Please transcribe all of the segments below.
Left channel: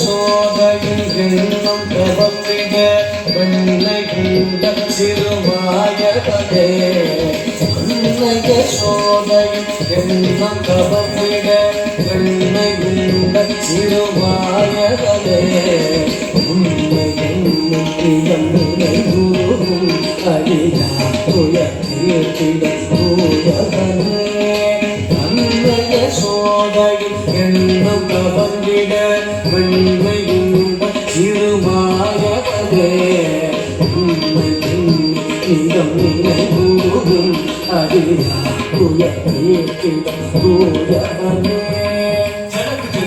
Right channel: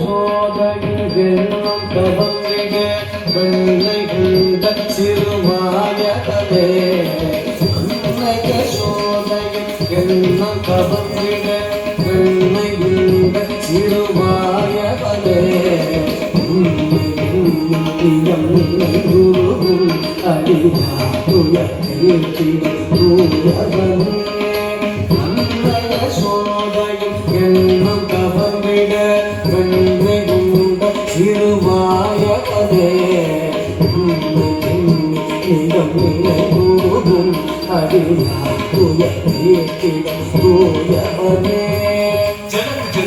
Soda, தவமிட நன்மையுண்ட சிறுவாயவதே உண்மை பிரியம் நினைவுறும் அடியா குலத்தில் தூயவனே அன்னைய சோதையும் எண்ணம் தவமிட நன்மையுண்ட சிறுவாயவதே உண்மை பிரியம் நினைவுறும் அடியா குலத்தில் தூயவனே ஜனக்கு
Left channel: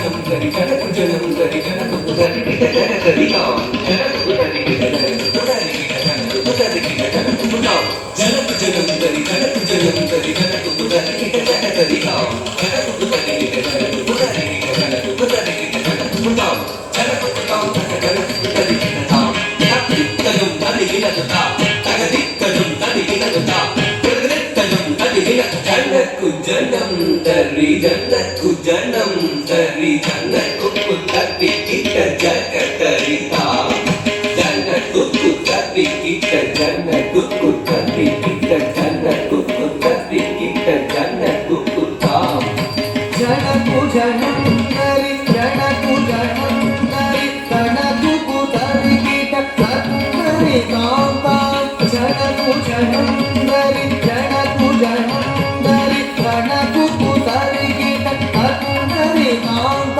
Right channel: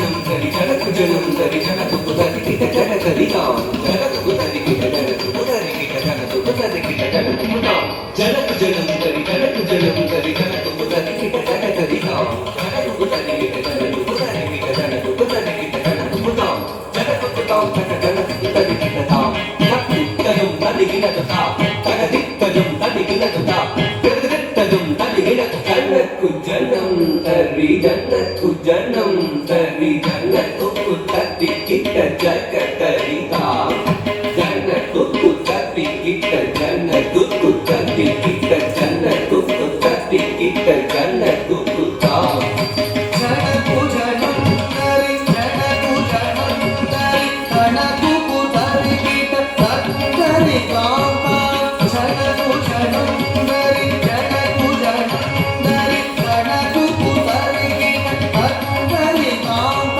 ஜனம் கரி ஜனக்கு புதரி கிட்ட ஜனகரி நாம் ஜனக்கு புதரி கிட்ட ஜனக்கு புதரி கிட்ட ஜனக்கு புதரி கிட்ட ஜனக்கு புதாம் ஜனக்கு ஜனம் கரி ஜனக்கு ஜனம் கரி ஜனக்கு புதரி கிட்ட ஜனகரி நாம் ஜனக்கு புதரி கிட்ட ஜனக்கு புதரி கிட்ட ஜனக்கு புதரி கிட்ட ஜனக்கு புதாம் ஜனக்கு புதாம் ஜனக்கு புதரி கிட்ட தாம் தகதித்தனம் தனி கிடதா தகதித்தனம் தனி கிடதா தகதித்தனம் தனி கிடதா ஜனக்கு ஜனம் தரி ஜனக்கு ஜனம் தரி ஜனக்கு புதரி கிட்ட ஜனகரி தாம் ஜனக்கு புதரி கிட்ட ஜனக்கு புதரி கிட்ட ஜனக்கு புதரி கிட்ட ஜனக்கு புதாம் ஜனக்கு ஜனம் தரி ஜனக்கு ஜனம் தரி ஜனக்கு புதரி கிட்ட ஜனகரி தாம் ஜனக்கு ஜனம் தரி ஜனக்கு ஜனம் தரி ஜனக்கு புதரி கிட்ட ஜனகரி தாம்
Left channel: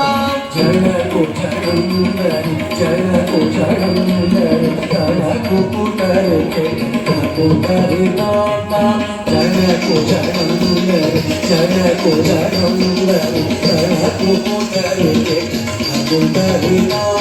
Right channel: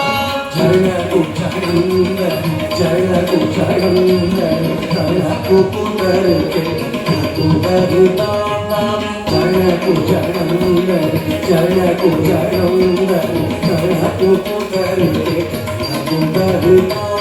ஜனக்கு ஜனம் தரி ஜனக்கு ஜனம் தரி ஜனக்கு புதரி கிட்ட புதரி தாம் ஜனக்கு ஜனம் தரி ஜனக்கு ஜனம் தரி ஜனக்கு புதரி கிட்ட புதரி தாம்